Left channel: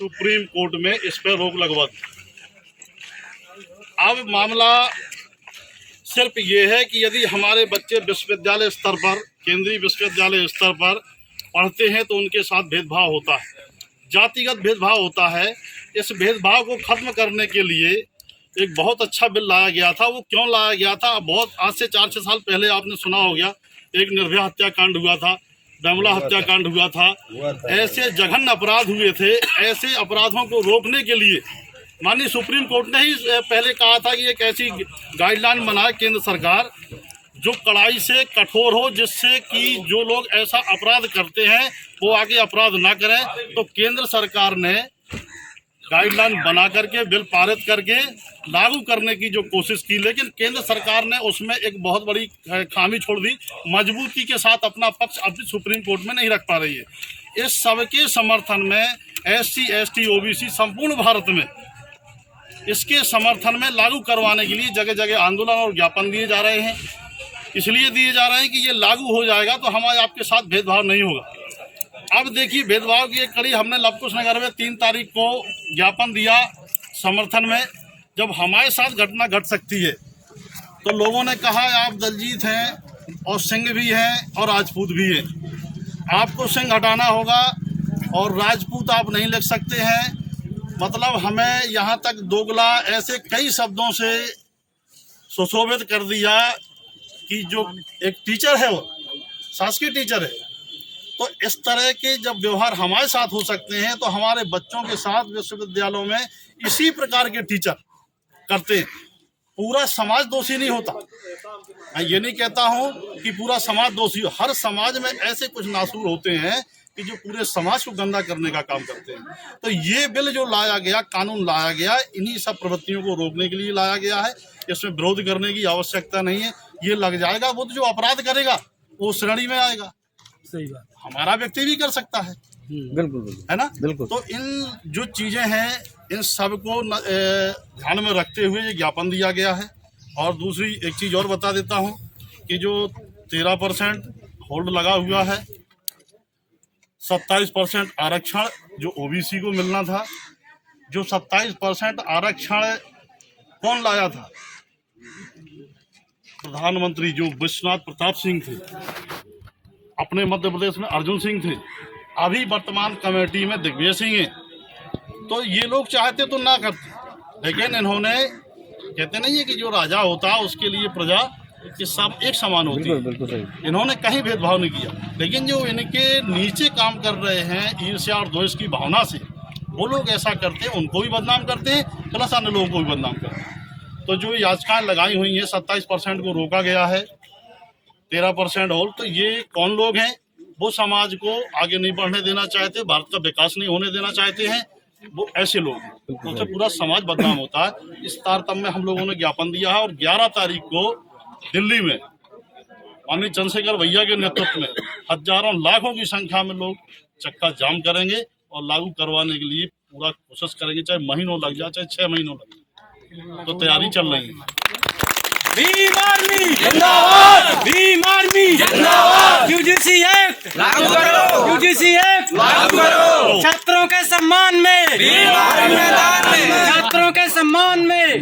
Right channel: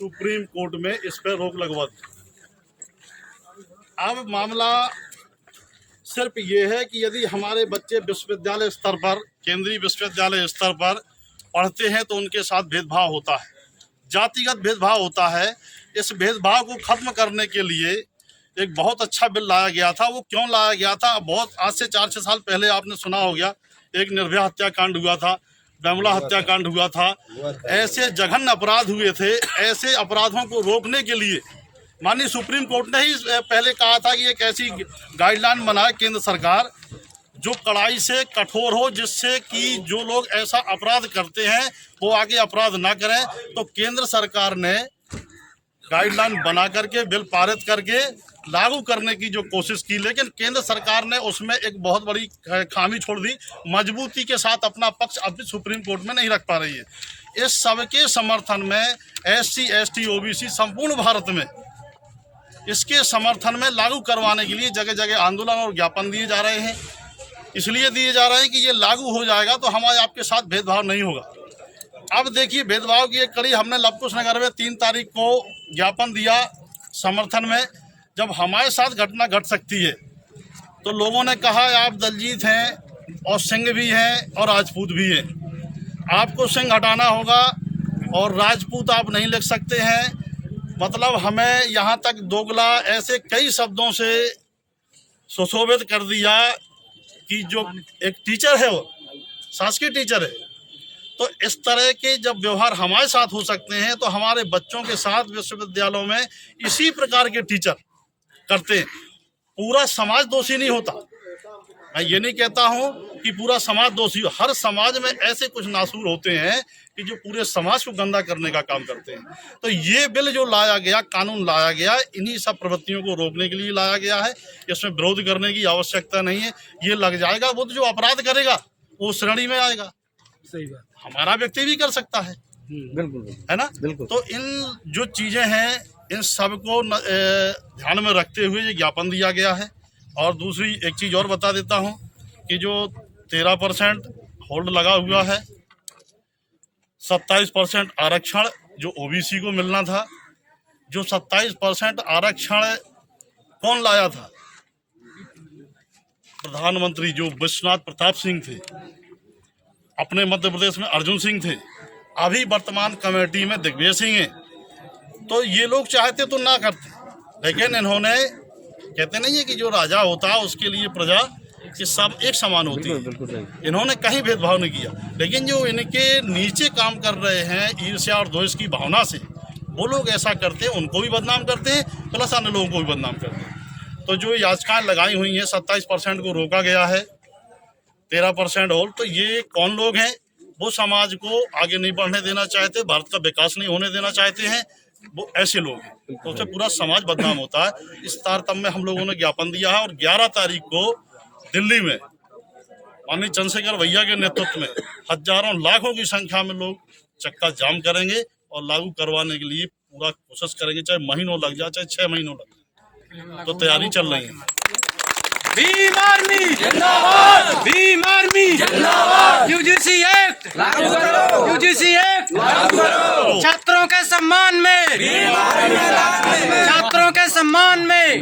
Supreme court में इस पर रोक लगवा दी। अब मामला सिर्फ ये है कि यदि हमारे बच्चे विश्वविद्यालय स्तर पर, केंद्रीय विश्वविद्यालय स्तर पर पढ़ते हैं तो उनके साथ भेदभाव होता है, जातिगत भेदभाव होता है। इस भेदभाव को खत्म करने के लिए एक बहुत अच्छा बिल लाया गया था। वो क्यों लाया गया था? बहुत आज से 4-6 साल पहले आपने सुना हो गया, एक निर्भया हत्याकांड हुआ था, बेमला हत्याकांड हुआ था। ऐसे जघन्य अपराध हुए थे। ऐसे अपराधों को रोकने के लिए माननीय सुप्रीम कोर्ट ने ही पहले कहा था कि एक ऐसी गाइडलाइन बनाए केंद्र सरकार जो कड़ाई से कठोर हो, जिससे कि जो लोग ऐसा अपराध करते हैं वो आगे अपराध ना करें। तो केंद्र सरकार ने गाइडलाइन बना करके बिल पारित करके लागू करने की जो कोशिश की, लेकिन केंद्र सरकार ने उसमें एक बहुत बड़ी खामी छोड़ दी। मजबूती के साथ अपना पक्ष अभी सुप्रीम कोर्ट में नहीं रख पा रही है। इस सबके समर्थन में SC, ST, OBC संपूर्ण भारत में इसके समर्थन में लागू करवाने के लिए जगह जगह आंदोलन और ज्ञापन दिए जा रहे हैं। इसलिए दिए जा रहे हैं कि ये लागू हो जाएगा तो हमारे आपके साथ भेदभाव नहीं होगा। अब देखिए, भेदभाव की एक कड़ी हमने लवकुश नगर में 3 तारीख को ज्ञापन दिया समर्थन में। जब हमारे साथ घटना घट सकती है तो लोगों ने कहा आप दलजीत हैं और सिंह भी हैं और राजपूत भी हैं, आपको सिंह हटाना होगा और राजपूत आप नहीं लिख सकते हैं। मतलब हमें यहाँ तक दोगला ऐसे कई शब्दों से सुशोभित कर दिया कि जो एक टीचर है वो शासकीय टीचर है। तो इस तरह के जब व्यवहार हमारे साथ हो सकते हैं तो हमारे बच्चों के साथ विश्वविद्यालयों में इसी प्रकार के टीचर करते हैं। पूरा समाज दोषी नहीं होता, मैं ये नहीं कहता हूँ कि पूरा समाज दोषी हो। हर समाज में ऐसे कुछ नासूर होते हैं कि जो पूरे समाज को गंदा करने का काम करते हैं। तो ये बिल जो लाया गया, कानून लाया गया, इन्हीं सब प्रवृत्तियों को रोकने के लिए लाया गया है। इसमें विरोध करने की आवश्यकता नहीं है। ये लग जाएगा, वो तो जो अपराध करेगा वो श्रेणी में आएगा। सही बात, हमारा व्यक्ति भी कर सकता है, बिल्कुल, है ना? बिल्कुल। तो इन जो चीजें हैं इन सब को ध्यान में रखते हुए ये ज्ञापन दिया गया है। और दूसरी एक चीज और बता देता हूँ कि जो 13% होल्ड लगा हुआ है, 27% आरक्षण जो OBC को मिलना था, जो 27% आरक्षण कौन लाया था? प्रधानमंत्री जो विश्वनाथ प्रताप सिंह थे, अपने मध्य प्रदेश में अर्जुन सिंह थे, अभी वर्तमान कमेटी में दिग्विजय सिंह हैं। तो ये लोग चाहते तो ना करते, लेकिन इन्होंने, कहते नहीं है कि जो राजा होता है उसके लिए प्रजा कि सब एक समान होती है। इन्होंने कहीं भेदभाव नहीं किया, लेकिन जो इनके नीचे काम कर रहे हैं ईर्ष्या और द्वेष की भावना से, वो लोग ऐसा करते हैं, उनको भी बदनाम करते हैं प्लस अन्य लोगों को भी बदनाम करते हैं। तो जो याचिकाएं लगाई हुई हैं, 27% को रोका गया है, 13% होल्ड। तो ये कौन लोग हैं? वो समाज को आगे नहीं बढ़ने देना चाहते, भारत का विकास नहीं होने देना चाहते हैं, वो ऐसे लोग हैं। तो उससे पूरा समाज बदनाम होता है। इस तारतम्य में हम लोगों ने ज्ञापन दिया है और 11 तारीख को दिल्ली में माननीय चंद्रशेखर भैया के नेतृत्व में हजारों लाखों की संख्या में लोग चक्का जाम करेंगे और लागू करवाने के लिए पूरा कोशिश करेंगे, चाहे महीनों लग जाए, चाहे 6 महीनों लग जाए। तो तैयारी चल रही है। भीम आर्मी जिंदाबाद, भीम आर्मी जिंदाबाद। UGC एक्ट लागू करो, UGC एक्ट लागू करो। छात्रों के सम्मान में, छात्रों के सम्मान में।